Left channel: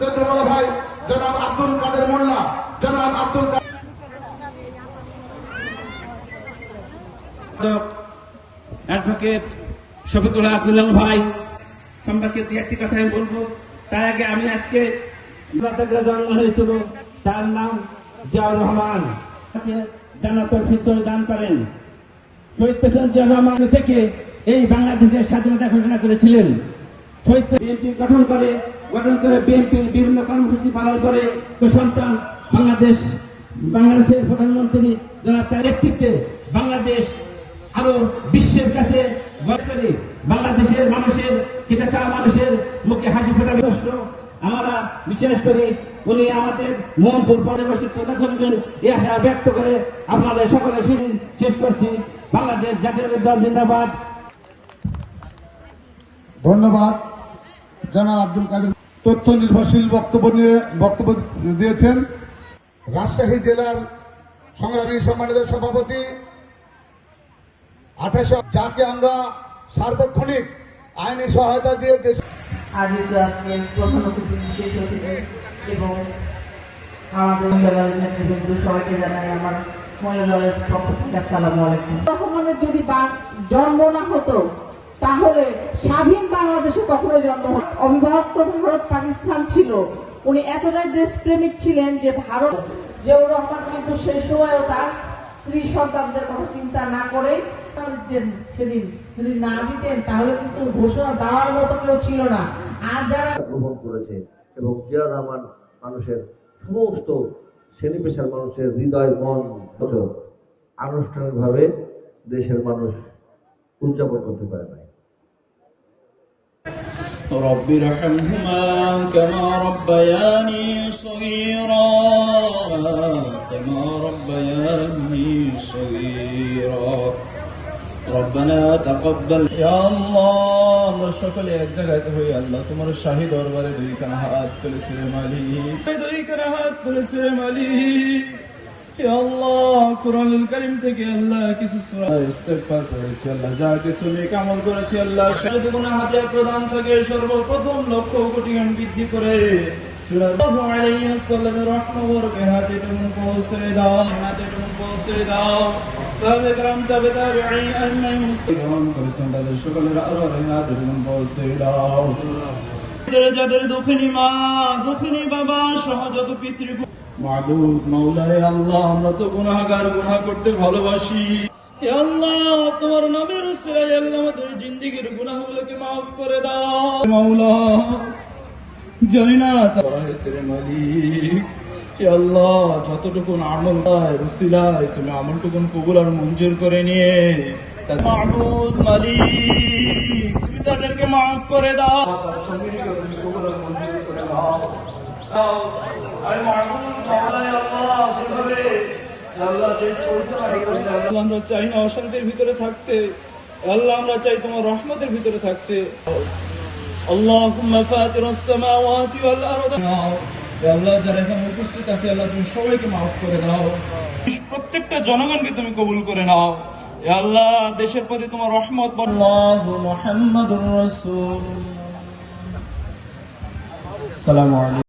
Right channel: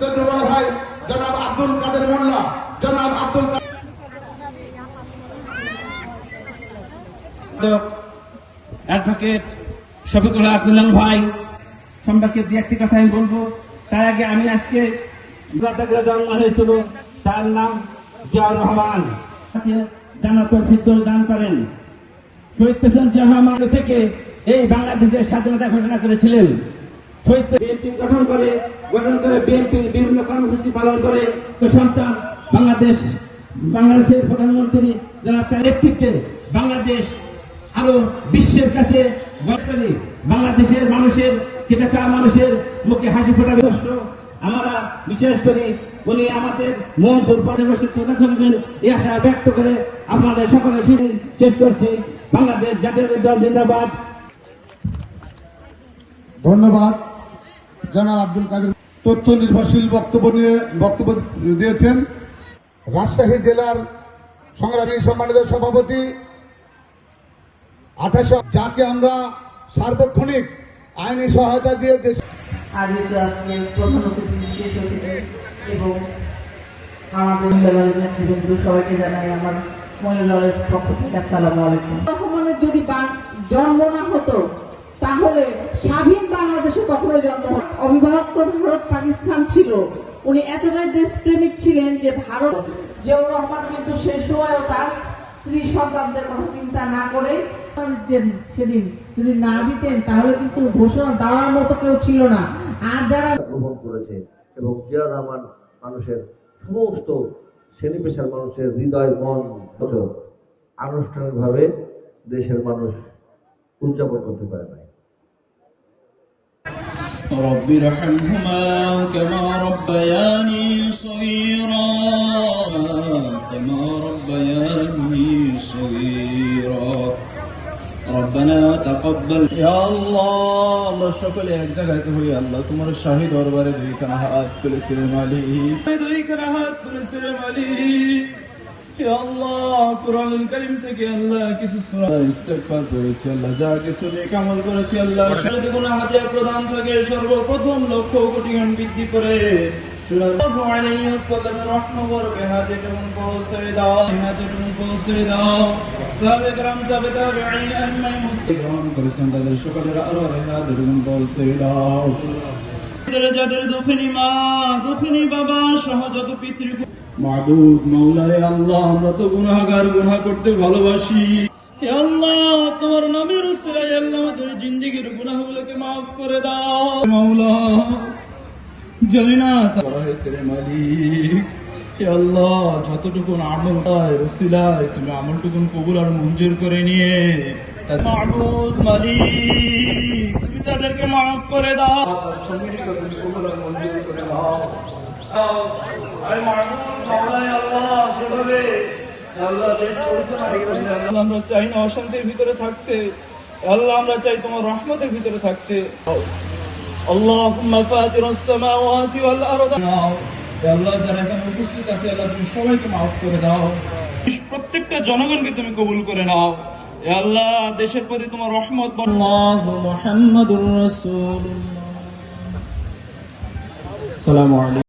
শ্রদ্ধ বড় ভাই জনাব আব্দুল কাদের মোল্লা, জনাব আব্দুল অ্যাডভোকেট শফিকুল হক ভাই সম্পর্কে দু একটি কথা আমি বলবো। তার আগে আমি আজকে জন্ম হয়েছিল, তার নাম জিয়াউর রহমান, জান্নাতুল ফিরদৌস দান করেন। শহীদ প্রেসিডেন্ট জিয়াউর রহমান থেকে এই বাংলাদেশের স্বাধীনতা ঘোষণা করেছিলেন। শহীদ বিএনপি গঠন করে বিএনপি বিভিন্ন কর্মসূচি পালন করে সন্তান বাংলাদেশের প্রধানমন্ত্রী যারা তার নেতৃত্বে বাংলাদেশ আরো বিশ্বের কাছে বাংলাদেশের মানুষের খেটে খাওয়া মানুষের মুখে হাসি ফোটাবে। আমরা বিশেষ করে উনি আমাদের মন করবেন এই আশা ব্যক্ত করে আপনাদের সকলের শেষ করছি। বাংলাদেশ জাতীয় দল জিন্দাবাদ। ধন্যবাদ। জনাব আব্দুল কাদের তথ্য নির্ভরশীল বক্তব্য দিয়েছেন। রাজশাহী জেলার সংগ্রামী সম্মানিত সভাপতি 28 যাকে আমরা সার্বক্ষণিক আইনি সহায়তা দিয়ে যে আজ আজকে প্রধান অতিথি বিশেষ অতিথি এবং আমাদের মহিলা দলের নেতৃবৃন্দ সবাইকে জানাই আমার মহিলা দলের পক্ষ থেকে আসসালামু আলাইকুম। রহমানের যদি জন্ম না হতো তাহলে স্বাধীন বাংলাদেশে কখনো জন্ম হতো। অবিভক্ত ভারত পাকিস্তান ছিল, উনি এতটাই দেশপ্রেমিক ছিলেন যে ভারত জিয়াউর রহমান কিন্তু সেই সময়ও তার স্ত্রী সন্তানদের কথা চিন্তা না করে সেদিন যদি না দিতেন তাহলে কিন্তু ঘোষণা দেওয়ার মতো কেউ ছিল না। আর যারা গ্রহণ করেছে এবং জিয়াউর রহমান মানুষের সমস্ত শ্রেণী পেশার মানুষের হৃদয় মন আনুষ্ঠানিকভাবে দেশের মানুষ উদযাপন করতে পারে নাই। رب ارحمهما كما ربياني صغيرا ربنا تقبل يا الله আমরা সকলে এক জায়গায় হই আল্লাহ তোমার শাহী দরবারে দুই হাত তুলেছে মালিক ইয়া আল্লাহ কোরআনুল কারীম থেকে আল্লাহ কিছু সূরা ইস্তেগফার করেছি আল্লাহ, যা কিছু নেক আমল করেছি আল্লাহ সব গুনাহ হাদিয়া প্রদান থেকে সর্বপ্রথম লক্ষ কোটি বৃদ্ধি করে সাল্লাল্লাহু আলাইহি ওয়াসাল্লামের রহমত বরকতে পৌঁছে দাও, পৌঁছে দাও। সাহাবায়ে کرام তাবেঈন আইম্মায়ে মুসলিম করেছেন তাদের সকলের আরো পৌঁছে দাও। যাদের দুঃখিনী মা দুঃখিনী বাবা সহ যত পিতৃ মাবুদ মাওলায়ে আল্লাহ, আমরা তো গুনাহগার, গুনাহ করতে ভালোবাসি। হে আল্লাহ তোমার নামের উসিলায় আল্লাহ আমাদের জিন্দেগীর গুনাহগুলোকে maaf করে দাও মাওলা। জানি না করা হয়েছে মালিক, হে আল্লাহ যতটুকু আমল উসিলায় তুমি আমলটুকু কবুল আর মঞ্জুর করে নিয়ে মাবুদ মালিক তুমি তাদেরকে maaf করে দাও, কবুল আর মঞ্জুর করে দাও। আমরা চাই না অশান্তির ভিতরে থাকতে, আল্লাহ আমরা চাই তোমার রহমতের ভিতরে থাকতে। আল্লাহুম্মা ফাতিরাস সামাওয়াতি ওয়াল আরদ, আল্লাহ যারা এখানে উপস্থিত আছে আল্লাহ তুমি সবাইকে maaf করে দাও, প্রত্যেকটা জনগণকে তুমি কবুল করে নাও। আল্লাহ দেশের প্রতি তোমার রহমত। আল্লাহু মুহাম্মাদুর রাসূলুল্লাহ। আসসালামু আলাইকুম।